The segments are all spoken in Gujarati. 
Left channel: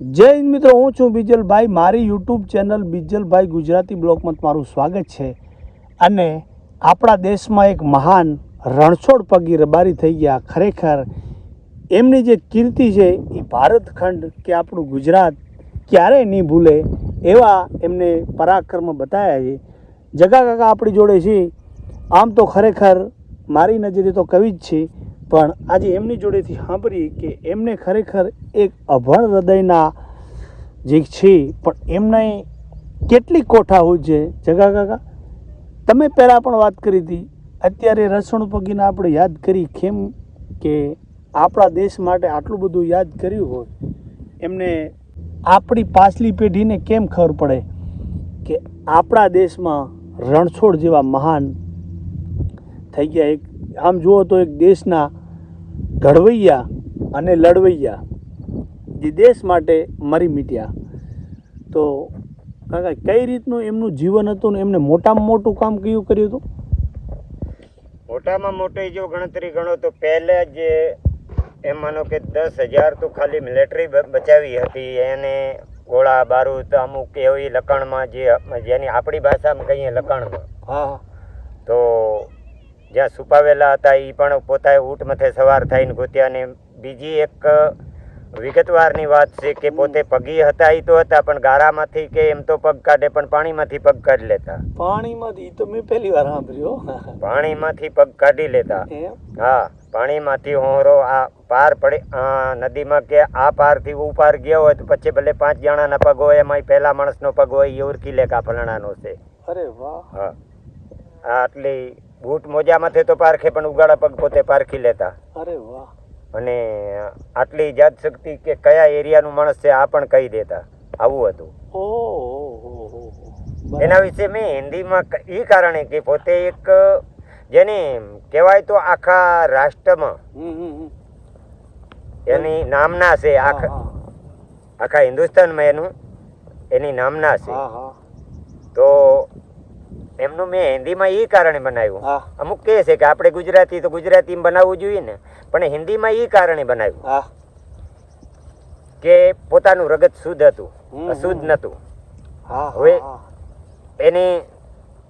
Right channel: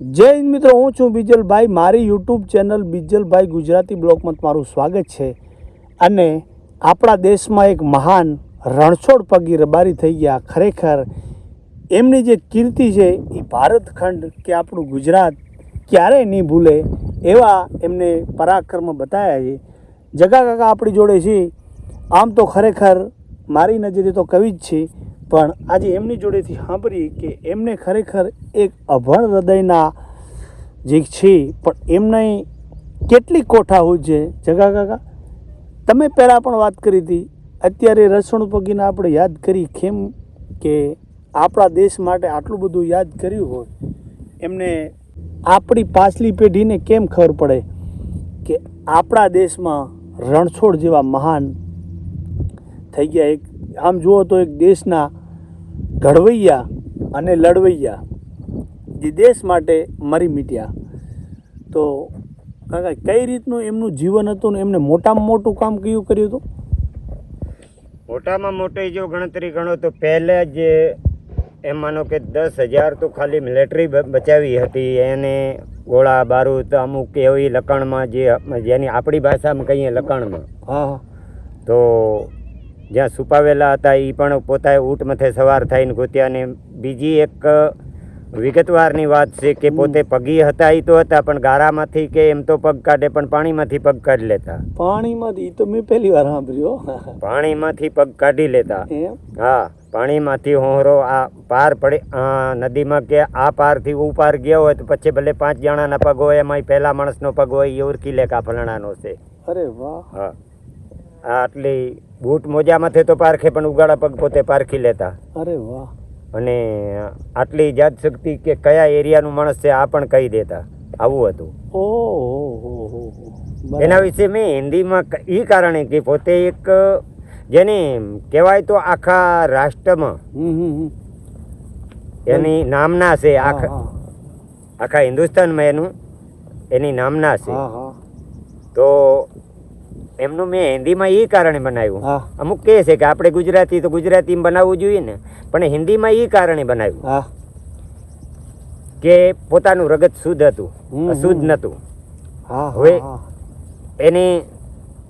જય હિન્દ મિત્રો, હું છું બીજલભાઈ. મારી યુટ્યુબ ચેનલ બીજલભાઈ ગુજરાતી બ્લોગમાં તમારું સ્વાગત છે. અને આપણા દેશમાં એક મહાન રણછોડ પગી રબારી થઈ ગયા. ખરેખર એમની જે કીર્તિ છે એ ભારત ખંડ કે આપણું ગુજરાત ક્યારેય નહીં ભૂલે એવા એમને પરાક્રમ બતાવ્યા છે. જગા કાકા આપણી જોડે છે. આમ તો ખરેખર મારી નજરે તો કવિ જ છે. પણ આજે એમની જોડેથી સાંભળીએ કે એમને ખરેખર એક અભણ હૃદયના જે છે, પણ એમની કેટલી કોઠા હોય છે? જગા કાકા, તમે પહેલાં પણ વાત કરી હતી. અત્યારે રસણ પગીને આપણે યાદ કરી કેમ કે આપણા દેશ માટે આટલું બધું યાદ કર્યું હોય. એમને આપણી પાછલી પેઢીને કેમ ખબર પડે કે આપણા દેશમાં રણછોડ જેવા મહાન થઈ ગયા એક આમ જુઓ તો એક દેશના ઘડવૈયા અને લડવૈયા જે દેશ માટે મરી મીટ્યા. તો કાકા કઈ રીતનું એમનું જીવન હતું ને એમને મોટામાં મોટું કામ કયું કર્યું હતું? મોટામાં મોટી જો ગણતરી ગણો તો પહેલાં જે એમ માનો કે દસ હજાર તો ખાલી મિલિટરી બચાવી હતી. એને ગોળા બારૂદ અમુક એવી લખાણમાં જે જેની આપણી ભાષામાં કહીએ લખાણમાં હા હા. તો જ્યાં છુપાવેલા હતા એ પણ પોતાએ ઊંટ મથે સવાર થઈને ગોત્યા ને બીજી એક વિગતવારની વાત છે કે પોતે પગી હતા એ તો હતા પણ ગારામાંથી કે એમ તો પગ કાઢે પણ પાણીમાંથી પગ કાઢી લેતા. પાણીમાંથી તો મેં પહેલી વાર સાંભળ્યો પાણીમાંથી પગ કાઢી લેતા. હા પાણીમાંથી હોરો આ પાર પડે નદીમાં કે આ પારથી ઉપાર પાર ગયો હોય તો પછી ભલે પાંચ જણાના પગ હોય એમાં પહેલા માણસનો પગ હોય એ ઓળખી લે કે આ ફલાણાનો છે. અરે વાહ. હા. આટલી બૂટ મોજામાંથી તો પારખે પણ ઉગાડા પગ પોતે પારખી લેતા. અરે વાહ. અને આટલી જાત શક્તિ કે કયા એરિયાનું માણસ છે આ પણ કહી દેતા. આવું હતું. એના વિશે મેં હિન્દીમાં એ કારણે કે પોતે એક જેને કહેવાય તો આખા રાષ્ટ્રમાં એની નામના છે આખા આખા હિન્દુસ્તાનમાં એનું એની નામના છે. તો એમનું મેં હિન્દીમાં એ કારણે બનાવ્યું. અમુક કહે છે કે આપણે ગુજરાતી તો ગુજરાતીમાં બનાવવું જોઈએ ને પણ હિન્દીમાં એ કારણે બનાવ્યું. કે પોતાનું રગત શુદ્ધ હતું શુદ્ધ નતું. નહોતું. હવે એને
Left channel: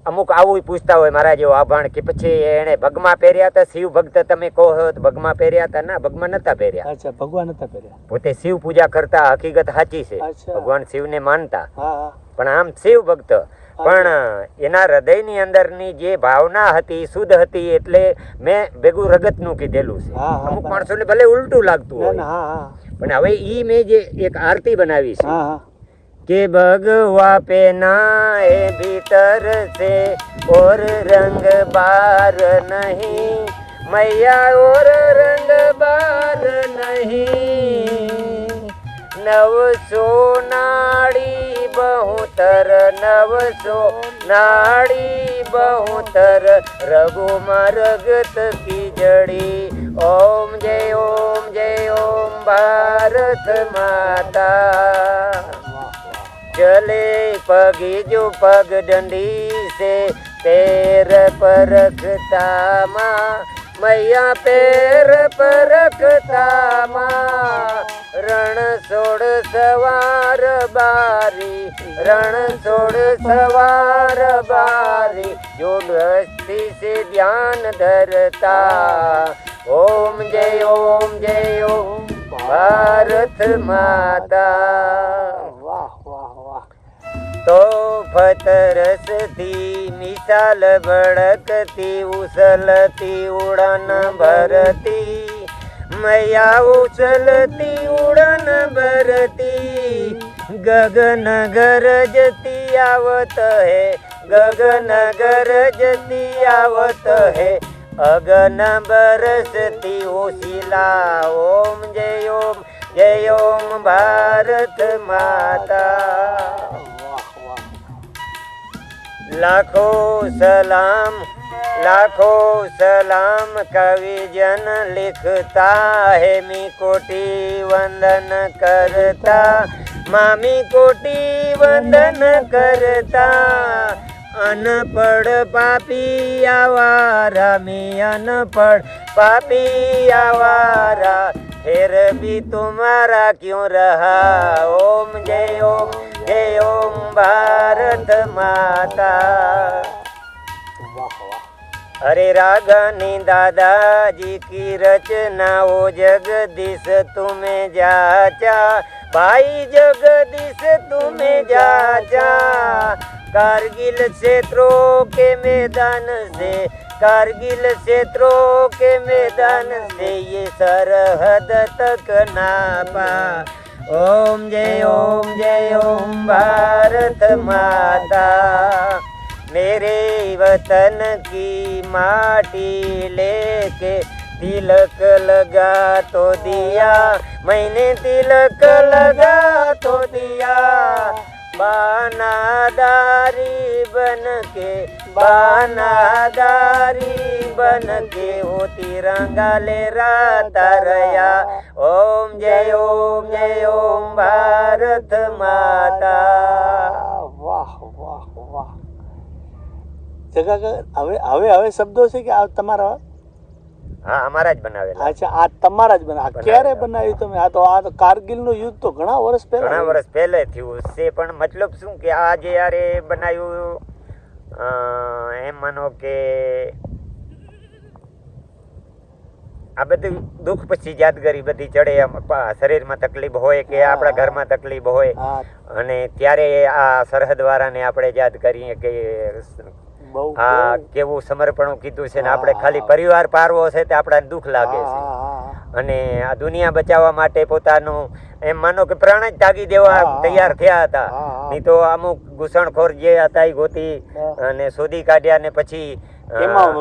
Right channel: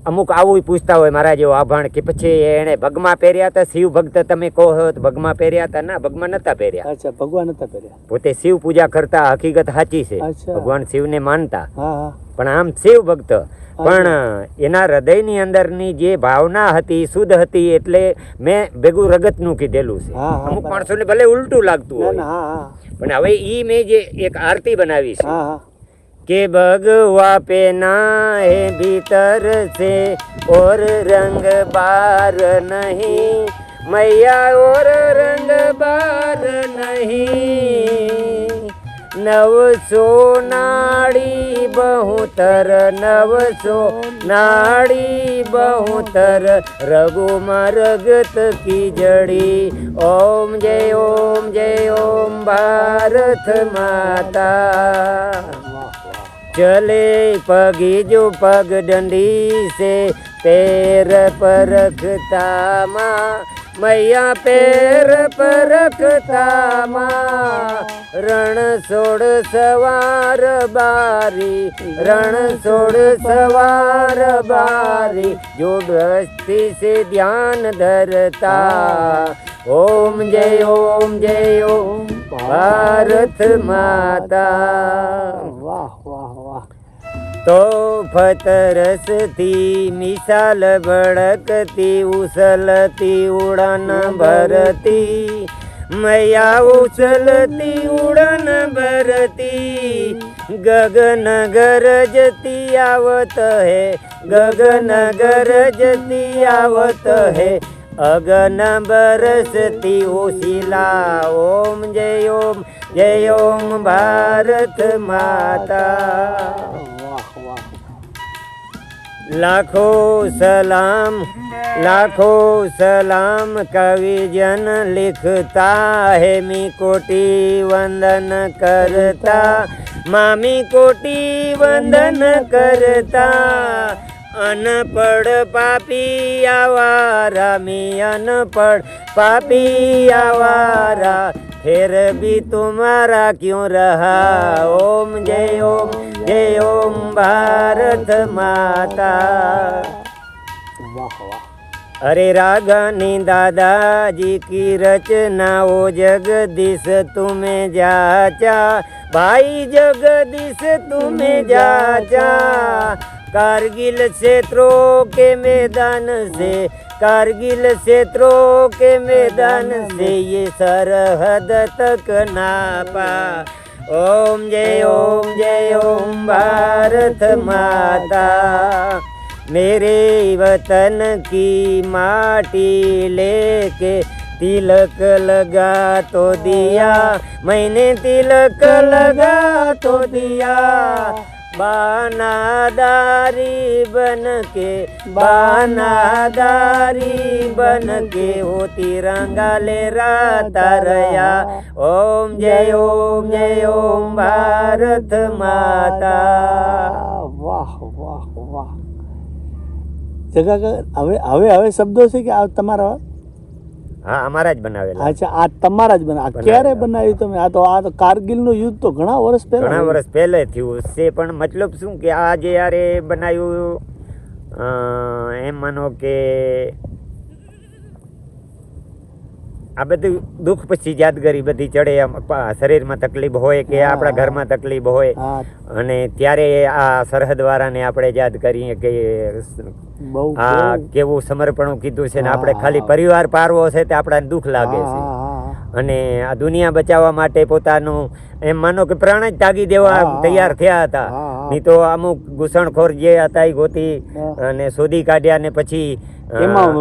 અમુક આવું પૂછતા હોય મારા જેવો આભાણ કે પછી એને ભગમાં પહેર્યા હતા શિવ ભક્ત તમે કહો તો ભગમાં પહેર્યા હતા? ના ભગમાં નતા પહેર્યા. અચ્છા ભગવાન નતા પહેર્યા. પોતે શિવ પૂજા કરતા હકીકત સાચી છે. ભગવાન શિવને માનતા. પણ આમ શિવ ભક્ત. પણ એના હૃદયની અંદરની જે ભાવના હતી શુદ્ધ હતી એટલે મેં ભેગું રગતનું કીધેલું છે. અમુક. માણસોને ભલે ઉલટું લાગતું હોય. પણ હવે ઈ મેં જે એક આરતી બનાવી છે કે ભગવા પેના હે ભીતર સે ઓર રંગ બાર નહીં. મૈયા ઓર રંગ બાર નહીં. નવસો નાળી બહુતર નવસો નાળી બહુતર રઘુમાં રગત કી જડી ઓમ જય ઓમ જય, ઓમ ભારત માતા. ચલે પગી જો પગ દંડી સે, પેર પરખતામાં. મૈયા પેર પરખતામાં. રણ છોડ સવાર બારી, રણ છોડ સવાર બારી. જો દ્રષ્ટિ સે ધ્યાન ધરતા. ઓમ જય ઓમ જય, ઓમ ભારત માતા. તો ફતરસથી મિસાલ ભડકતી, ઉછલતી, ઉડાન ભરતી. મૈયા ઉછલતી, ઉડાન ભરતી. ગગન ગરજતી આવત હે, ગગન ગરજતી આવત હે. અગન બરસતી ઓશિલા ઓમ જય ઓમ જય ઓમ ભારત માતા. લાખો સલામ લાખો સલામ કવિજન લિખતા હેમી કોટી વંદન કરતા મામી કોટી વંદન કરતા. અનપડ પાપી આવારા, મી અનપડ પાપી આવારા. ફેર ભી તુમારા ક્યું રહા? ઓમ જય भारत माता વાહ વાહ अरे रागानी दादाजी की रचनाओ जगदीश तुम्हें जाचा भाई जगदीश तुम्हें जाचा कारगिल क्षेत्रों के मैदान से कारगिल क्षेत्रों के मैदान से ये सरहद तक नापा ओम जय ओम जय ओम भारत माता मेरे वतन की माटी लेके तिलक लगा तो दिया मैंने तिलक लगा तो दिया बानादारी बन के बानादारी બન દેવો તિરંગા લેરા તારયા ઓમ જય ઓમ જય ઓમ ભારત માતા વાહ વાહ વાહ જગા હવે હવે હવે શબ્દો છે કે આ તમારા હા અમારા જ બનાવેલા અચ્છા આ તમારા જ બના ક્યારે બનાવ્યું તમે આ તો આ કારગિલનું યુદ્ધ તો ઘણા વર્ષ પહેલા ઘણા વર્ષ પહેલા થયું છે પણ મતલબ શું કે આ જે યારે બનાવ્યું એમ માનો કે આ બધું દુઃખ પછી યાદગારી બધી ચડે એમ શરીરમાં તકલીફ હોય કે. આપણા ઘરમાં તકલીફ હોય અને ત્યારે આ સરહદ વાળાને આપણે યાદ કરીએ કે આ કેવું સમર્પણ કીધું છે ને આપણે ખાલી પરિવાર પારવો છે તે આપણાને દુઃખ લાગે છે. અને આ દુનિયા બચાવવા માટે પોતાનું એમ માનો કે પ્રાણ જ તાગી દેવા. તૈયાર થયા હતા. નહીં તો અમુક ઘૂસણખોર જે હતા એ ગોતી અને શોધી કાઢ્યા ને પછી એમાં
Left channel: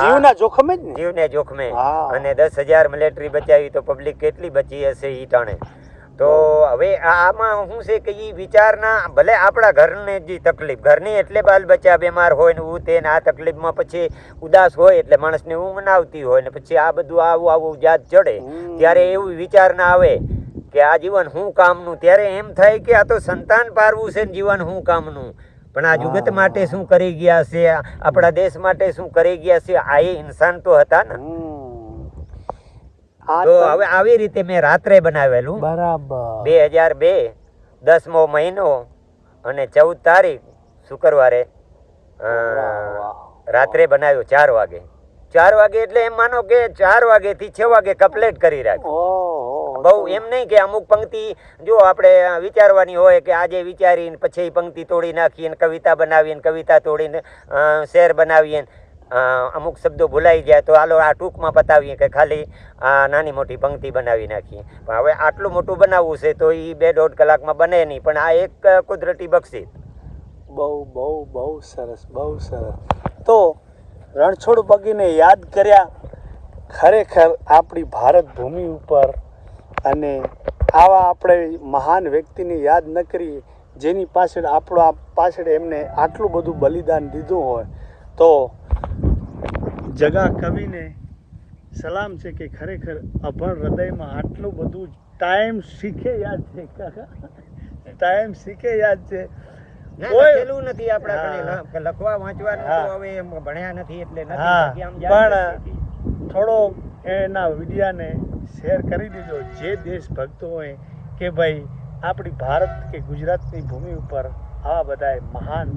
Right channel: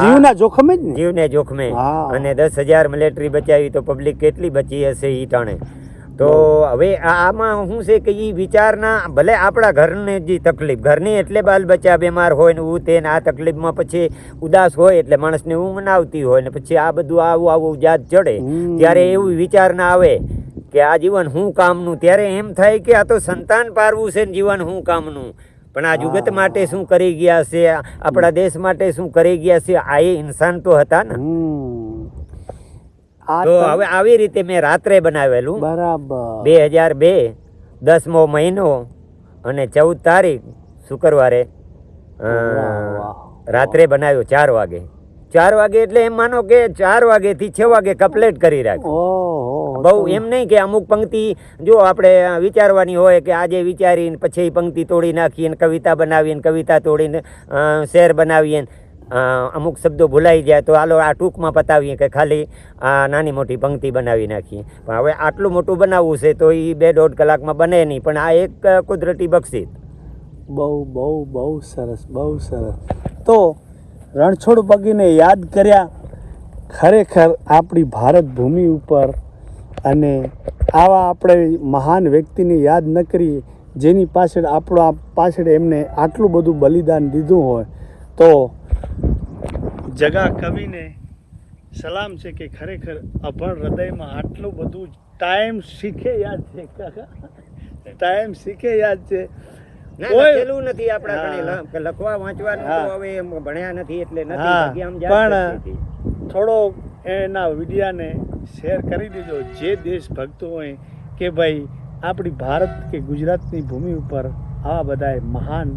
જીવના જોખમે જ ને? જીવને જોખમે. અને દસ હજાર મિલિટરી બચાવી તો પબ્લિક કેટલી બચી હશે ટાણે. તો હવે આમાં શું છે કે ઈ વિચારના ભલે આપણા ઘરને જે તકલીફ ઘરની એટલે બાલ બચ્ચા બીમાર હોય ને હું તે ને આ તકલીફમાં પછી ઉદાસ હોય એટલે માણસને ઊંઘ ના આવતી હોય ને પછી આ બધું આવું આવું યાદ ચડે. ત્યારે એવું વિચાર ના આવે કે આ જીવન હું કામનું? ત્યારે એમ થાય કે આ તો સંતાન પારવું છે ને જીવન હું કામનું? પણ આ જુગત માટે શું કરી ગયા છે? આપણા દેશ માટે શું કરી ગયા છે? આ એ ઇન્સાન તો હતા ને. તો હવે આવી રીતે મેં રાત્રે બનાવેલું. બરાબર. બે હજાર બે દસમો મહિનો અને ચૌદ તારીખ શુક્રવારે. રાત્રે બનાવ્યો ચાર વાગે. ચાર વાગે એટલે એમ માનો કે ચાર વાગેથી છ વાગે કમ્પ્લીટ કરી રાખ્યું. બહુ એમ નહીં કે અમુક પંક્તિ જો આપણે વિચારવાની હોય કે આજે વિચારીને પછી પંક્તિ તોડી નાખીને કવિતા બનાવીને કવિતા તોડીને શેર બનાવીએ અમુક શબ્દો ભૂલાઈ જાય તો હાલો આ ટૂંકમાં પતાવીએ કે ખાલી આ નાની મોટી પંક્તિ બનાવી નાખીએ. પણ હવે આટલું મોટું બનાવવું છે તો એ બે દોઢ કલાકમાં બને નહીં પણ આ એક કુદરતી બક્ષિત બહુ બહુ બહુ સરસ બહુ સરસ. તો રણછોડ પગીને યાદ કર્યા ખરેખર આપણી ભારત ભૂમિ ઉપર અને આવા આપણે મહાન વ્યક્તિને યાદ ન કરીએ જેની પાછળ આપણા પાછળ એમને આટલું બધું બલિદાન દીધું હોય તો જગા કવિને સલામ છે કે ખરેખર અભણ હૃદયમાં આટલું બધું ટાઈમ શીખે યાદ છે. કાકા ટાઈમ શીખે યાદ છે. લખેલું નથી આપણા લખવા વાંચવાનું હવે ભણ્યા નથી એટલે નથી આમ પણ- થોડો એના વિડીયાને શેર કરી દીધો જે દેશભક્તો હોય કે ભાઈ, આપણી ભારત કે ગુજરાતની ભૂમિ ઉપર આવા બધા મહાન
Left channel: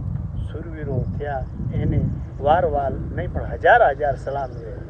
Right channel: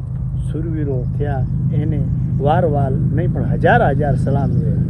સુરવીરો થયા, એને વાર વાર નહીં પણ હજાર હજાર સલામ છે